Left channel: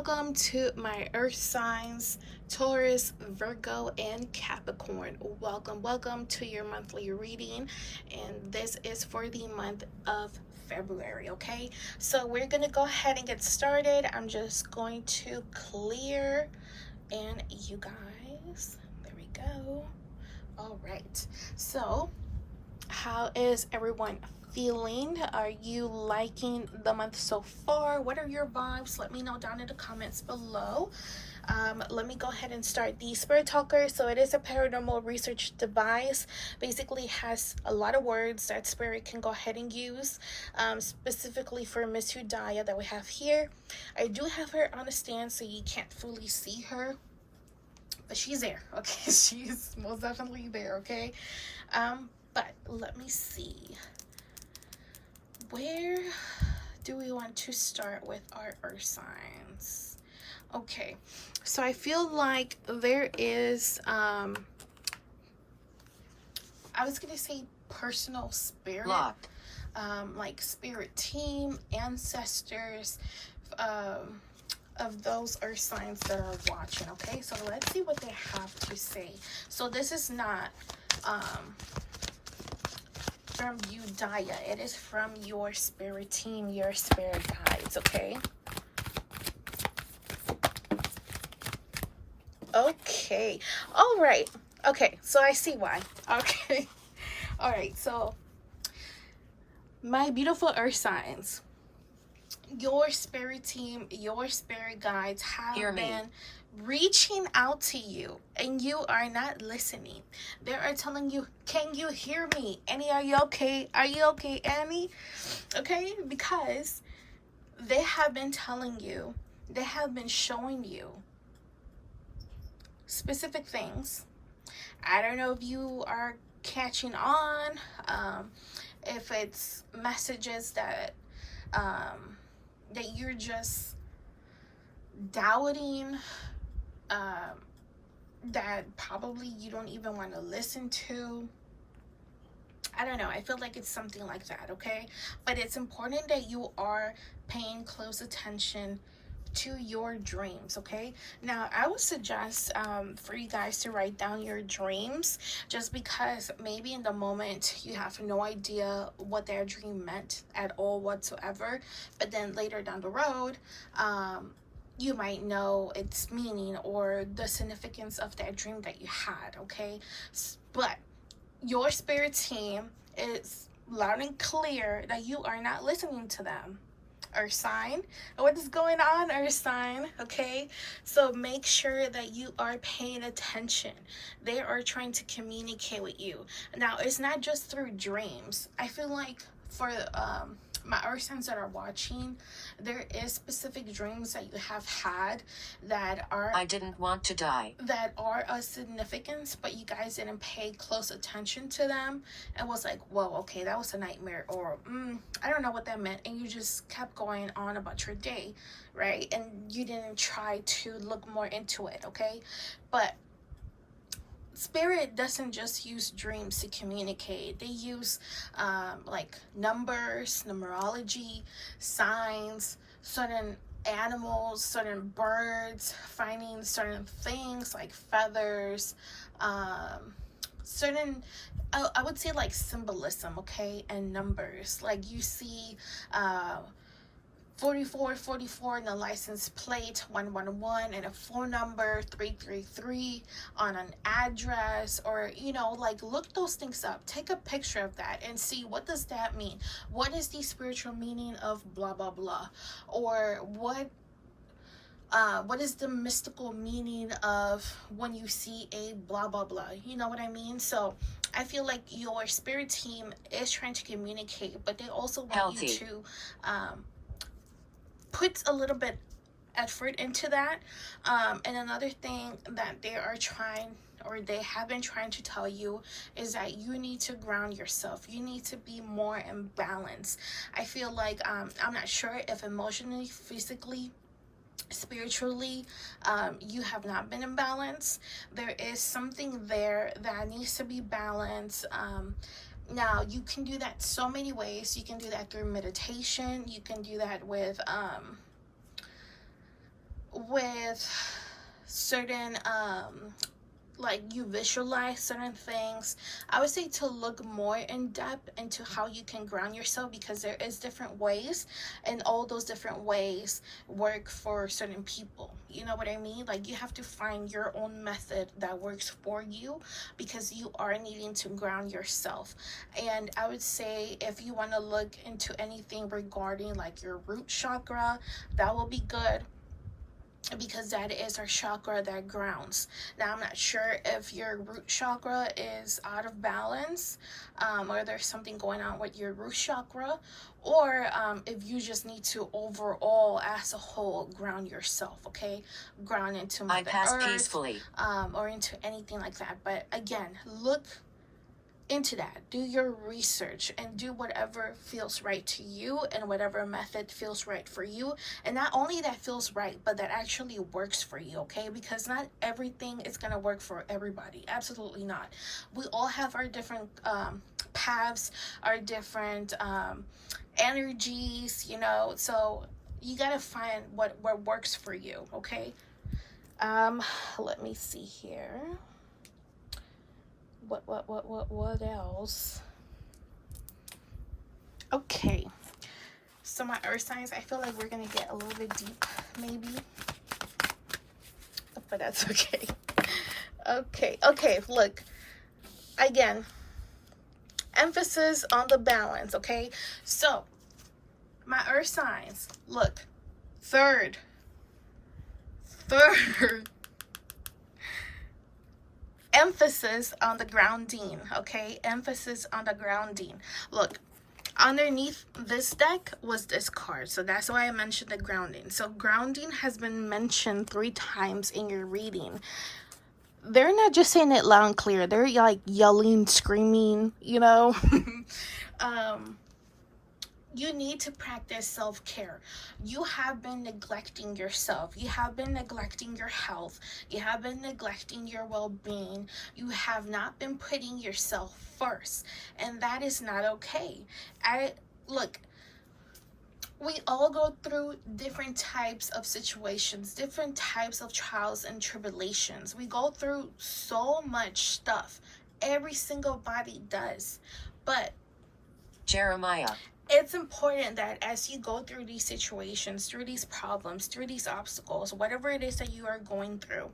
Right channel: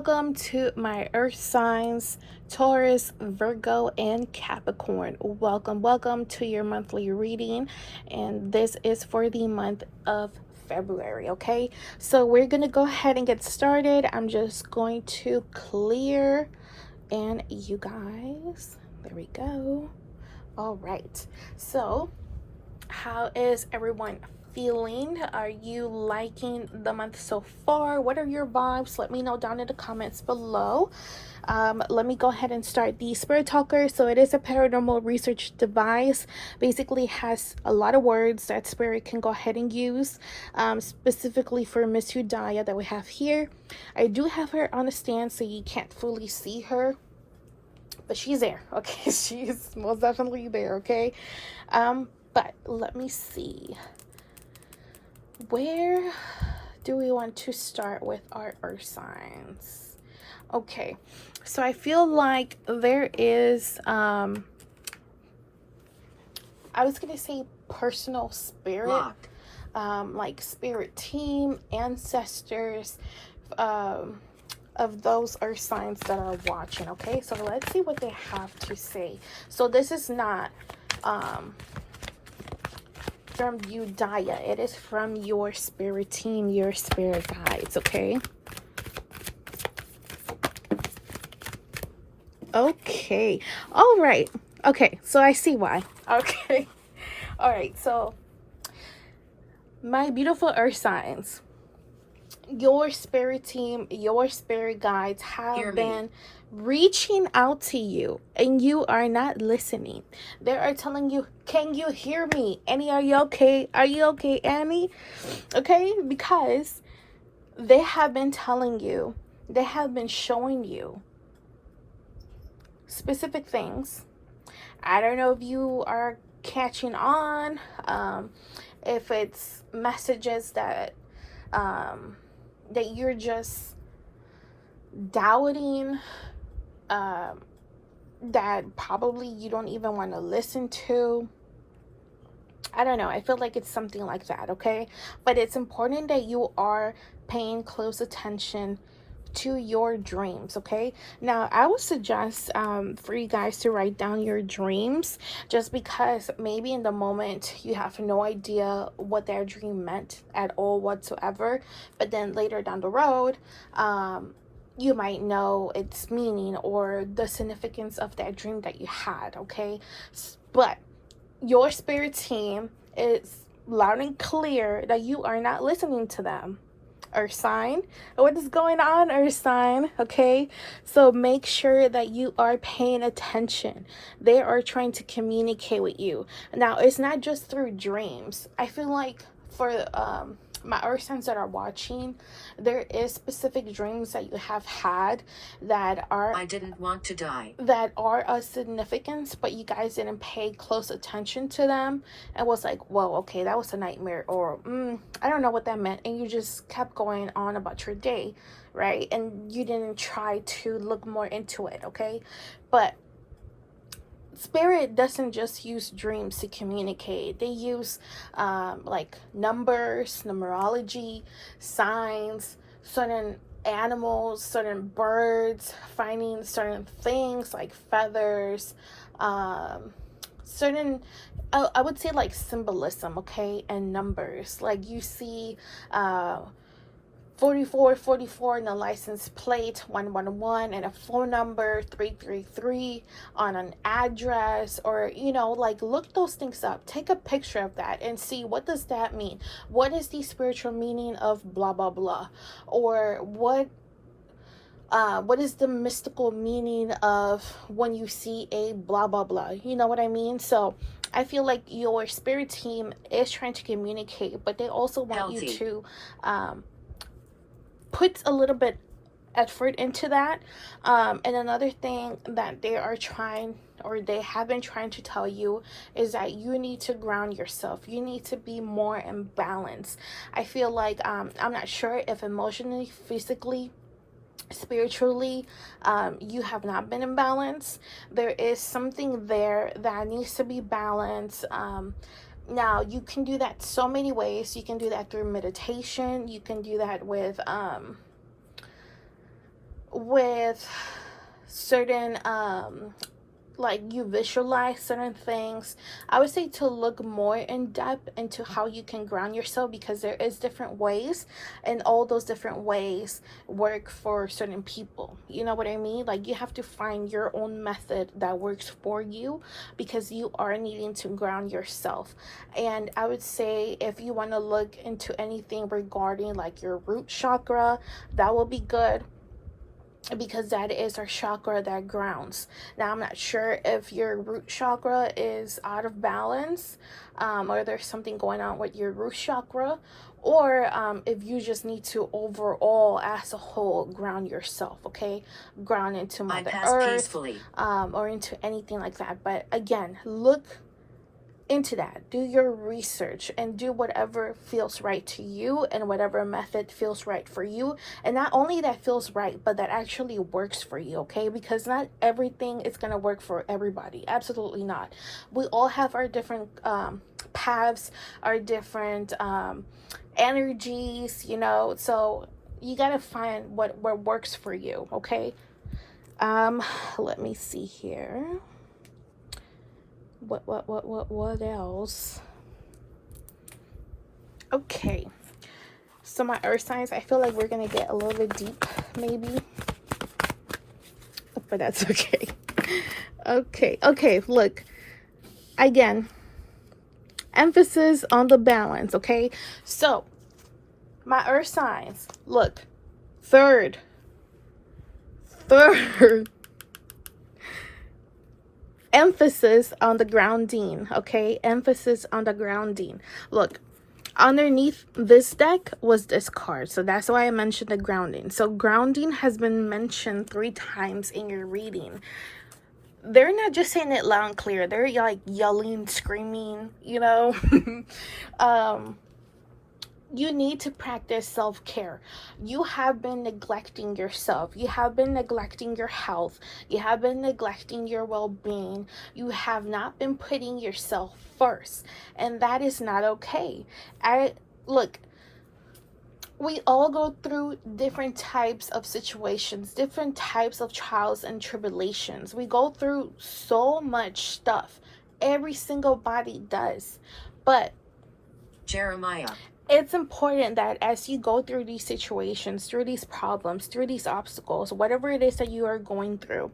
welcome to my earth signs, Taurus, Virgo, and Capricorn. Welcome to your monthly reading, and this is for the month of February. Okay, so we're gonna go ahead and get started. I'm just going to clear, and you guys, there we go. All right, so how is everyone feeling? Are you liking the month so far? What are your vibes? Let me know down in the comments below. Let me go ahead and start the Spirit Talker. So it is a paranormal research device. Basically has a lot of words that Spirit can go ahead and use, specifically for Miss Yudhaya that we have here. I do have her on a stand so you can't fully see her, but she's there, okay? She's most definitely there, okay? But let me see. Where do we want to start with our earth signs? Okay, so I feel like there is, I was going to say personal spirit, like spirit team, ancestors, of those earth signs that are watching, okay? So let's see what they have to say. So this is not, from Yudhaya. It is from your spirit team, your spirit guides, okay? Okay. All right. Okay, so I see why. Okay. All right, so my beautiful earth signs, your spirit team, your spirit guides have been reaching out to you, and you are not listening. They are telling you, can you hear me? Annie, are you okay? Are you okay, Annie? Okay, because they have been telling you, they have been showing you specific things. I don't know if you are catching on, if it's messages that that you're just doubting, that probably you don't even want to listen to. I don't know. I feel like it's something like that, okay? But it's important that you are paying close attention to your dreams, okay? Now, I would suggest for you guys to write down your dreams, just because maybe in the moment you have no idea what that dream meant at all whatsoever, but then later down the road, you might know its meaning or the significance of that dream that you had, okay? But your spirit team is loud and clear that you are not listening to them. Earth sign, what is going on, earth sign? Okay, so make sure that you are paying attention. They are trying to communicate with you. Now, it's not just through dreams. I feel like for my earth signs that are watching, there is specific dreams that you have had that are, I didn't want to die, that are of significance, but you guys didn't pay close attention to them and was like, whoa, okay, that was a nightmare, or I don't know what that meant, and you just kept going on about your day, right? And you didn't try to look more into it, okay? But Spirit doesn't just use dreams to communicate. They use like numbers, numerology, signs, certain animals, certain birds, finding certain things like feathers, certain, I would say like symbolism, okay, and numbers. Like you see 4444 and a license plate 111 and a phone number 333 on an address, or you know, like look those things up, take a picture of that and see what does that mean. What is the spiritual meaning of blah blah blah, or what is the mystical meaning of when you see a blah blah blah, you know what I mean? So I feel like your spirit team is trying to communicate, but they also want you to put a little bit effort into that. And another thing that they are trying, or they have been trying to tell you, is that you need to ground yourself. You need to be more in balance. I feel like I'm not sure if emotionally, physically, spiritually, you have not been in balance. There is something there that needs to be balanced. Now, you can do that so many ways. You can do that through meditation. You can do that with with certain like you visualize certain things, I would say to look more in depth into how you can ground yourself, because there is different ways, and all those different ways work for certain people. You know what I mean? Like, you have to find your own method that works for you, because you are needing to ground yourself. And I would say if you want to look into anything regarding like your root chakra, that will be good, because that is our chakra that grounds. Now, I'm not sure if your root chakra is out of balance, or there's something going on with your root chakra, or if you just need to overall, as a whole, ground yourself, okay? Ground into Mother Earth, or into anything like that. But again, look into that, do your research, and do whatever feels right to you, and whatever method feels right for you. And not only that feels right, but that actually works for you, okay? Because not everything is going to work for everybody. Absolutely not. We all have our different paths, our different energies, you know, so you got to find what works for you, okay? Let me see here. What else? Okay, so my earth signs, I feel like we're gonna get a little bit deep, maybe, but that's okay. Okay, look, again, emphasis on the balance, okay? So my earth signs, look, third emphasis on the grounding, okay? Emphasis on the grounding. Look, underneath this deck was this card, so that's why I mentioned the grounding. So grounding has been mentioned 3 times in your reading. They're not just saying it loud and clear, they're like yelling, screaming, you know. You need to practice self-care. You have been neglecting yourself. You have been neglecting your health. You have been neglecting your well-being. You have not been putting yourself first, and that is not okay. Look, we all go through different types of situations, different types of trials and tribulations. We go through so much stuff. Every single body does. But Jeremiah, it's important that as you go through these situations, through these problems, through these obstacles, whatever it is that you are going through,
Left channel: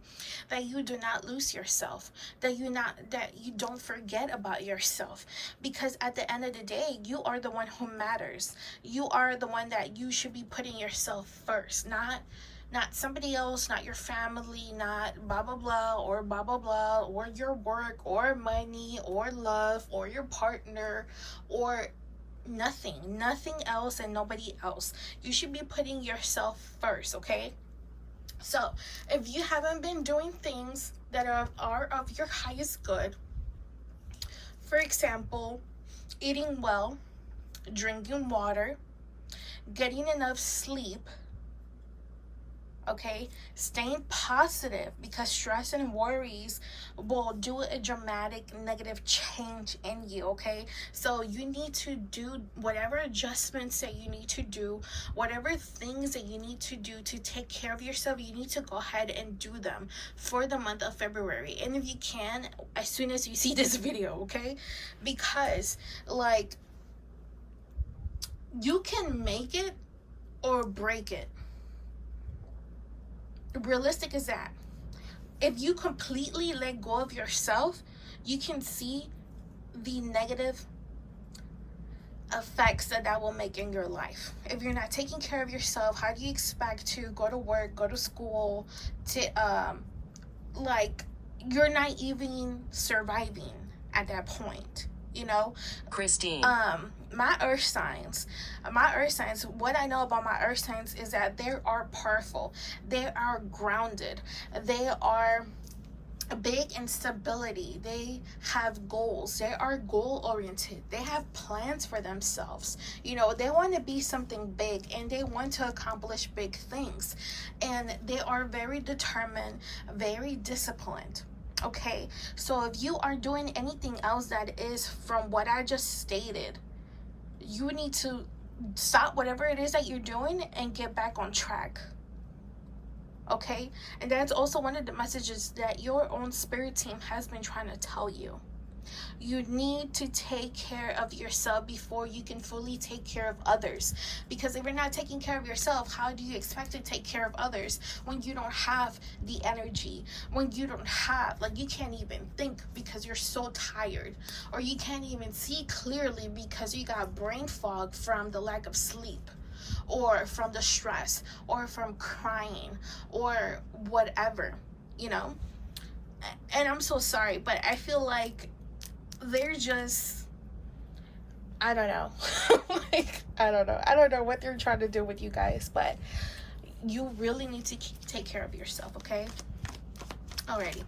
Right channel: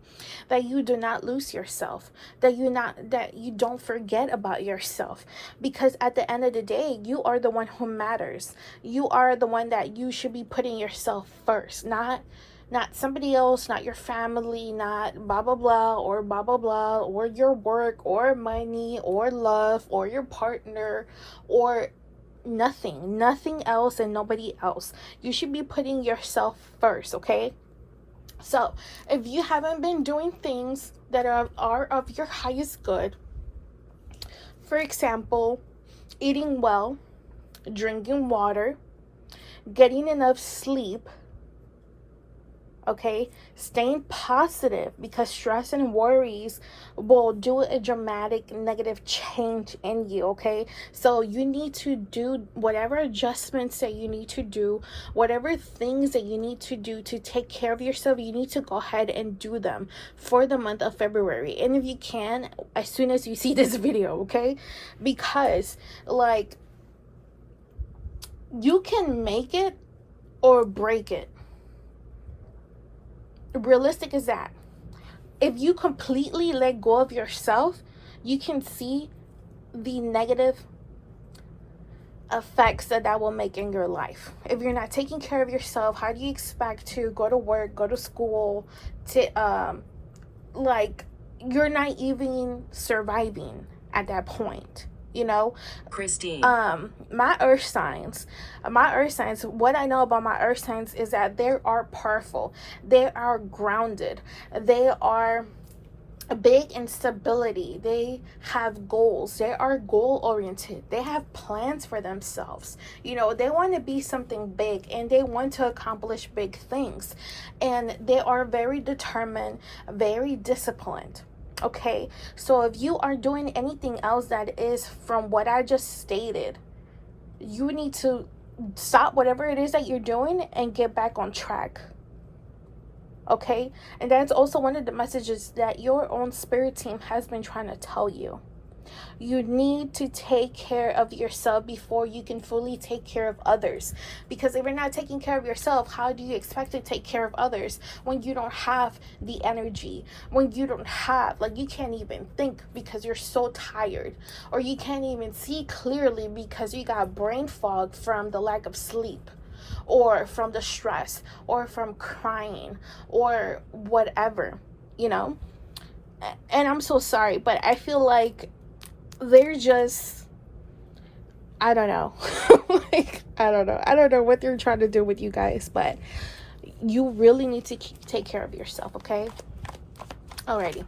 that you do not lose yourself, that you don't forget about yourself, because at the end of the day, you are the one who matters. You are the one that you should be putting yourself first, not somebody else, not your family, not blah blah blah or blah blah blah, or your work or money or love or your partner or nothing else and nobody else. You should be putting yourself first, okay? So if you haven't been doing things that are of your highest good, for example, eating well, drinking water, getting enough sleep, okay, staying positive, because stress and worries will do a dramatic negative change in you, okay? So you need to do whatever adjustments that you need to do, whatever things that you need to do to take care of yourself. You need to go ahead and do them for the month of February, and if you can, as soon as you see this video, okay? Because like, you can make it or break it. Realistic as that. If you completely let go of yourself, you can see the negative effects that will make in your life. If you're not taking care of yourself, how do you expect to go to work, go to school, to like, you're not even surviving at that point, you know? Christine, my earth signs, what I know about my earth signs is that they are powerful, they are grounded, they are big in stability, they have goals, they are goal oriented, they have plans for themselves, you know, they want to be something big and they want to accomplish big things, and they are very determined, very disciplined. Okay, so if you are doing anything else that is from what I just stated, you need to stop whatever it is that you're doing and get back on track. okay? And that's also one of the messages that your own spirit team has been trying to tell you. You need to take care of yourself before you can fully take care of others. Because if you're not taking care of yourself, how do you expect to take care of others when you don't have the energy? When you don't have, like, you can't even think because you're so tired, or you can't even see clearly because you got brain fog from the lack of sleep, or from the stress, or from crying, or whatever, you know? And I'm so sorry, but I feel like they're just, I don't know. Like, I don't know what they're trying to do with you guys, but you really need to take care of yourself, okay? Alrighty,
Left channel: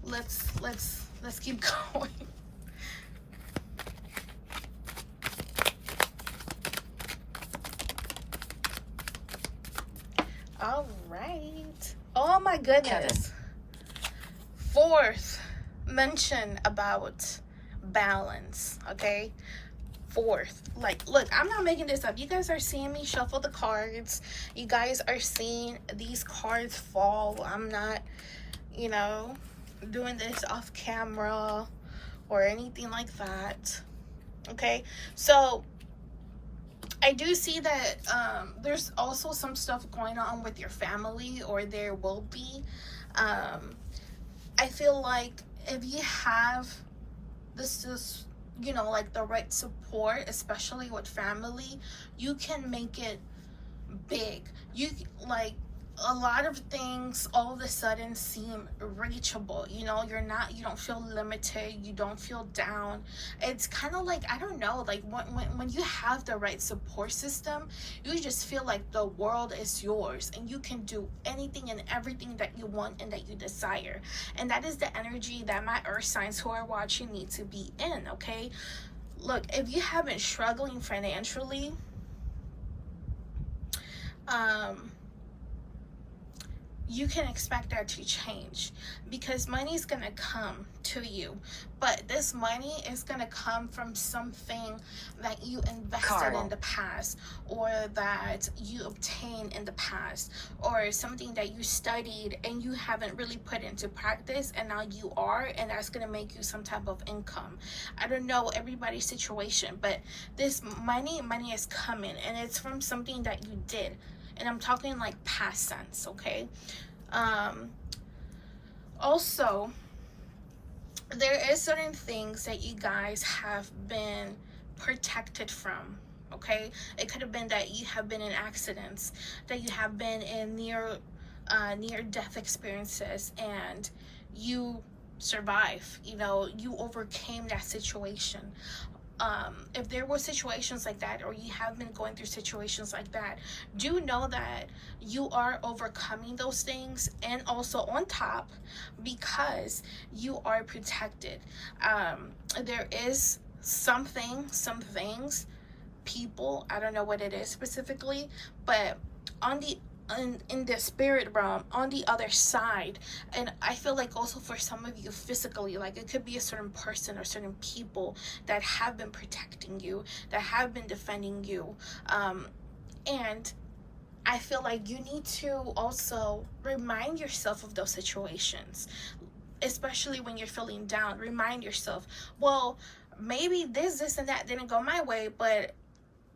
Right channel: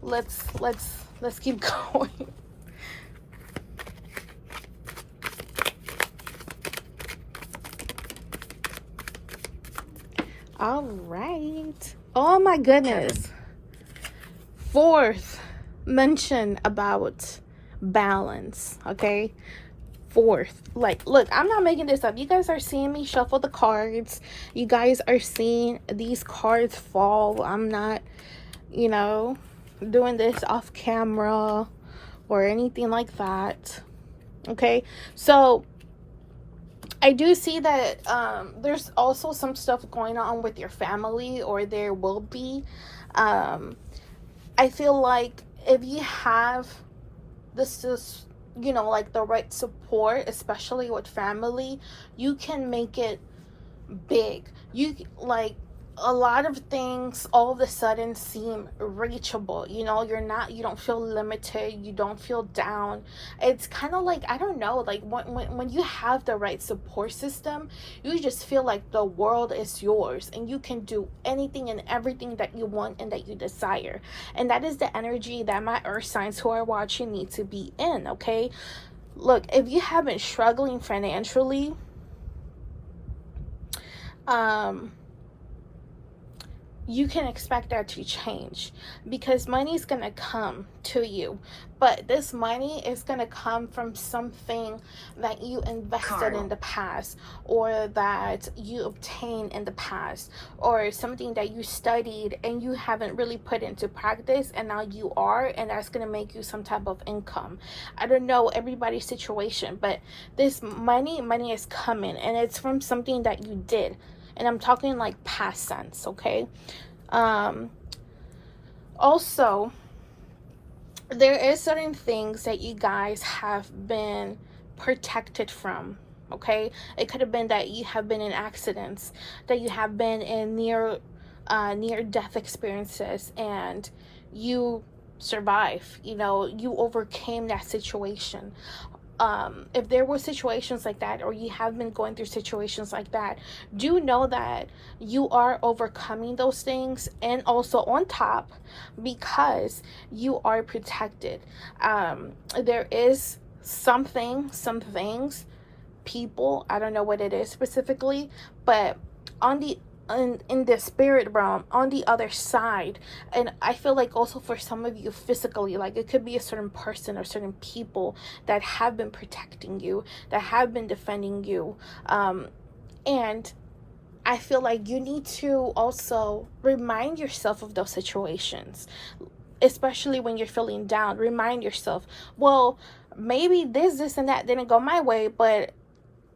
let's keep going. All right. Oh my goodness. Fourth mention about balance, okay? Fourth, like, look, I'm not making this up. You guys are seeing me shuffle the cards. You guys are seeing these cards fall. I'm not, you know, doing this off camera or anything like that, okay? So I do see that there's also some stuff going on with your family, or there will be. I feel like if you have this is, you know, like the right support, especially with family, you can make it big. You, like, a lot of things all of a sudden seem reachable, you know. You don't feel limited, you don't feel down. It's kind of like, I don't know, like when you have the right support system, you just feel like the world is yours and you can do anything and everything that you want and that you desire. And that is the energy that my earth signs who are watching need to be in, okay? Look, if you have been struggling financially, you can expect that to change, because money is going to come to you, but this money is going to come from something that you invested in the past, or that you obtained in the past, or something that you studied and you haven't really put into practice, and now you are, and that's going to make you some type of income. I don't know everybody's situation, but this money is coming, and it's from something that you did. And I'm talking like past tense, okay? Also, there is certain things that you guys have been protected from, okay? It could have been that you have been in accidents, that you have been in near death experiences, and you survive, you know, you overcame that situation. If there were situations like that, or you have been going through situations like that, do know that you are overcoming those things, and also on top, because you are protected. There is some things, people, I don't know what it is specifically, but on the in the spirit realm, on the other side, and I feel like also for some of you physically, like it could be a certain person or certain people that have been protecting you, that have been defending you, and I feel like you need to also remind yourself of those situations, especially when you're feeling down. Remind yourself, well, maybe this and that didn't go my way, but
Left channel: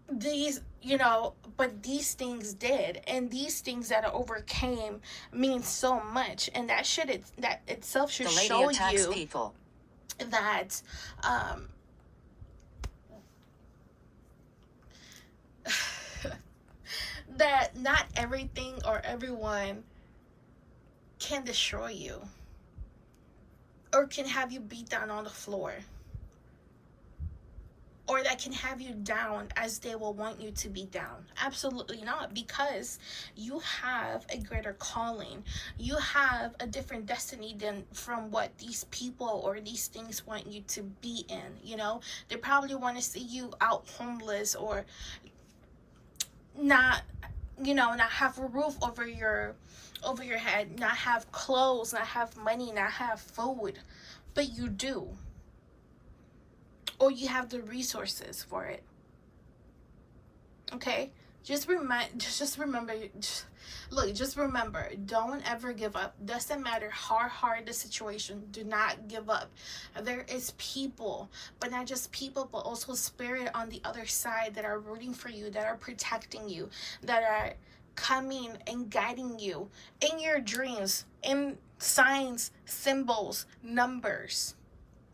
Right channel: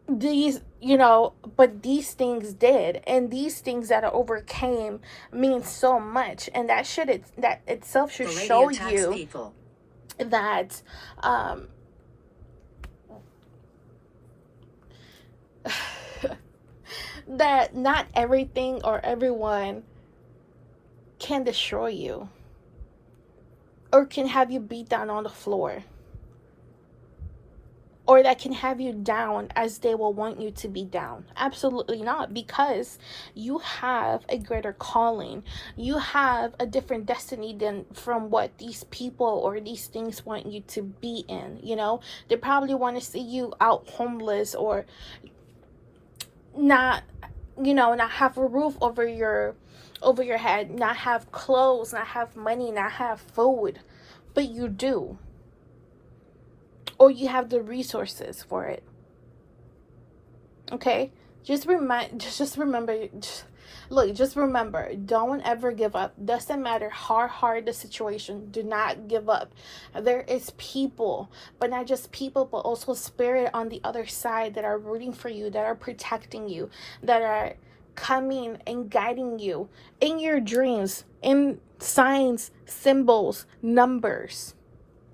these, you know, but these things did, and these things that I overcame mean so much, and that itself should show you people that that not everything or everyone can destroy you, or can have you beat down on the floor, or that can have you down as they will want you to be down. Absolutely not, because you have a greater calling. You have a different destiny than from what these people or these things want you to be in, you know? They probably want to see you out homeless, or not, you know, not have a roof over your head, not have clothes, not have money, not have food, but you do. Or you have the resources for it. Okay? Just remember, look, just remember, don't ever give up. Doesn't matter how hard the situation, do not give up. There is people, but not just people, but also spirit on the other side that are rooting for you, that are protecting you, that are coming and guiding you in your dreams, in signs, symbols, numbers.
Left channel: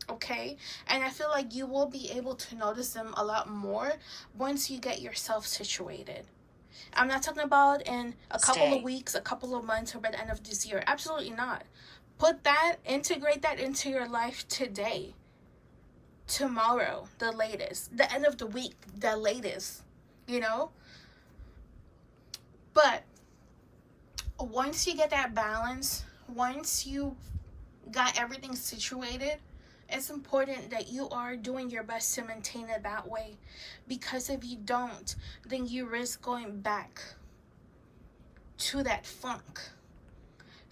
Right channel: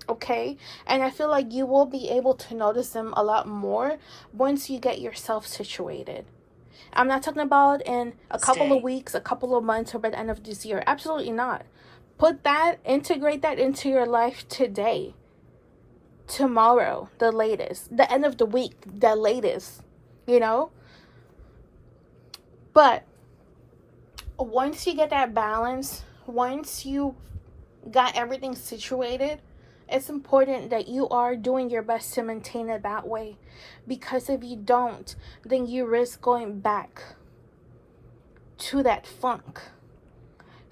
Okay, and I feel like you will be able to notice them a lot more once you get yourself situated. I'm not talking about in a couple of weeks, a couple of months, or by the end of this year. Absolutely not. Integrate that into your life today, tomorrow, the latest, the end of the week, the latest, you know. But once you get that balance, once you got everything situated, it's important that you are doing your best to maintain it that way. Because if you don't, then you risk going back to that funk,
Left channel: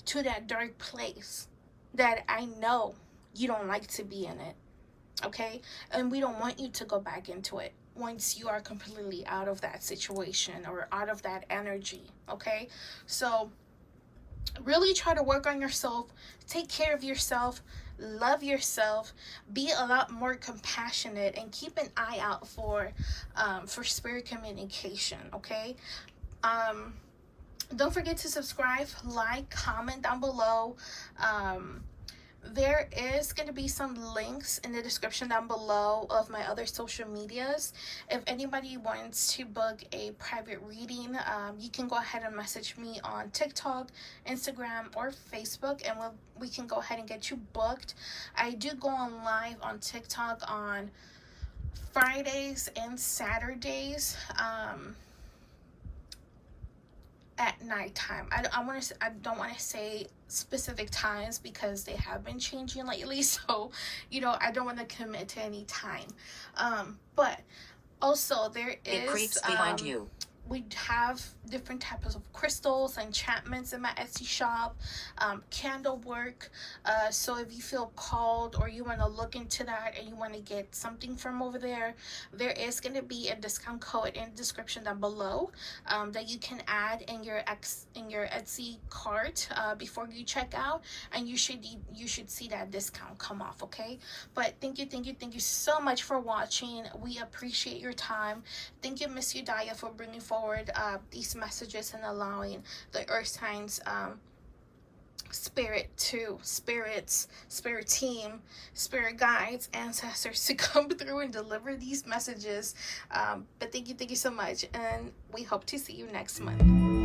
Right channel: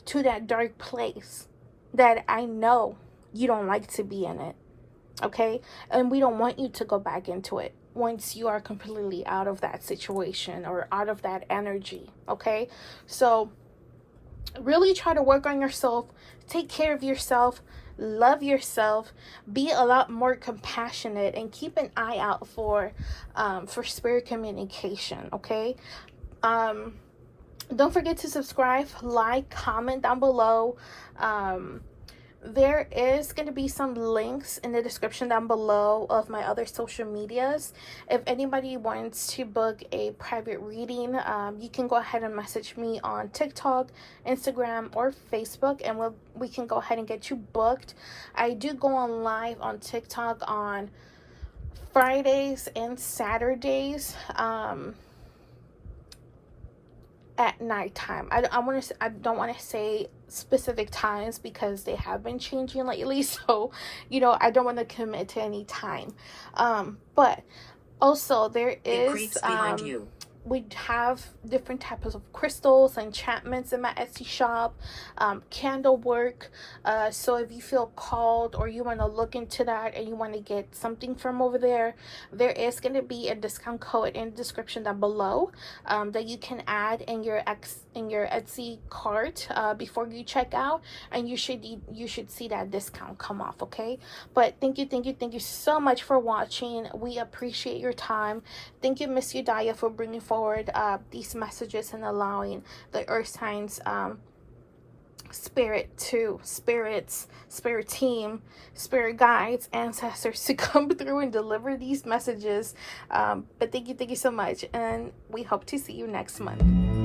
to that dark place that I know you don't like to be in it. Okay? And we don't want you to go back into it once you are completely out of that situation or out of that energy. Okay? So really try to work on yourself, take care of yourself, love yourself, be a lot more compassionate, and keep an eye out for spirit communication. Okay, don't forget to subscribe, like, comment down below. There is going to be some links in the description down below of my other social medias. If anybody wants to book a private reading, you can go ahead and message me on TikTok, Instagram, or Facebook, and we can go ahead and get you booked. I do go on live on TikTok on Fridays and Saturdays. At nighttime. I don't want to say specific times because they have been changing lately, so I don't want to commit to any time. But also there is behind you. We have different types of crystals, enchantments in my Etsy shop, candle work. So if you feel called or you want to look into that and you want to get something from over there, there is going to be a discount code in the description down below that you can add in your Etsy cart before you check out, and you should see that discount come off. Okay, but thank you so much for watching. We appreciate your time. Thank you, Miss Yudhaya, for bringing forward these messages and allowing the earth signs spirit team, spirit guides, ancestors to come through and deliver these messages. But thank you so much, and we hope to see you next month.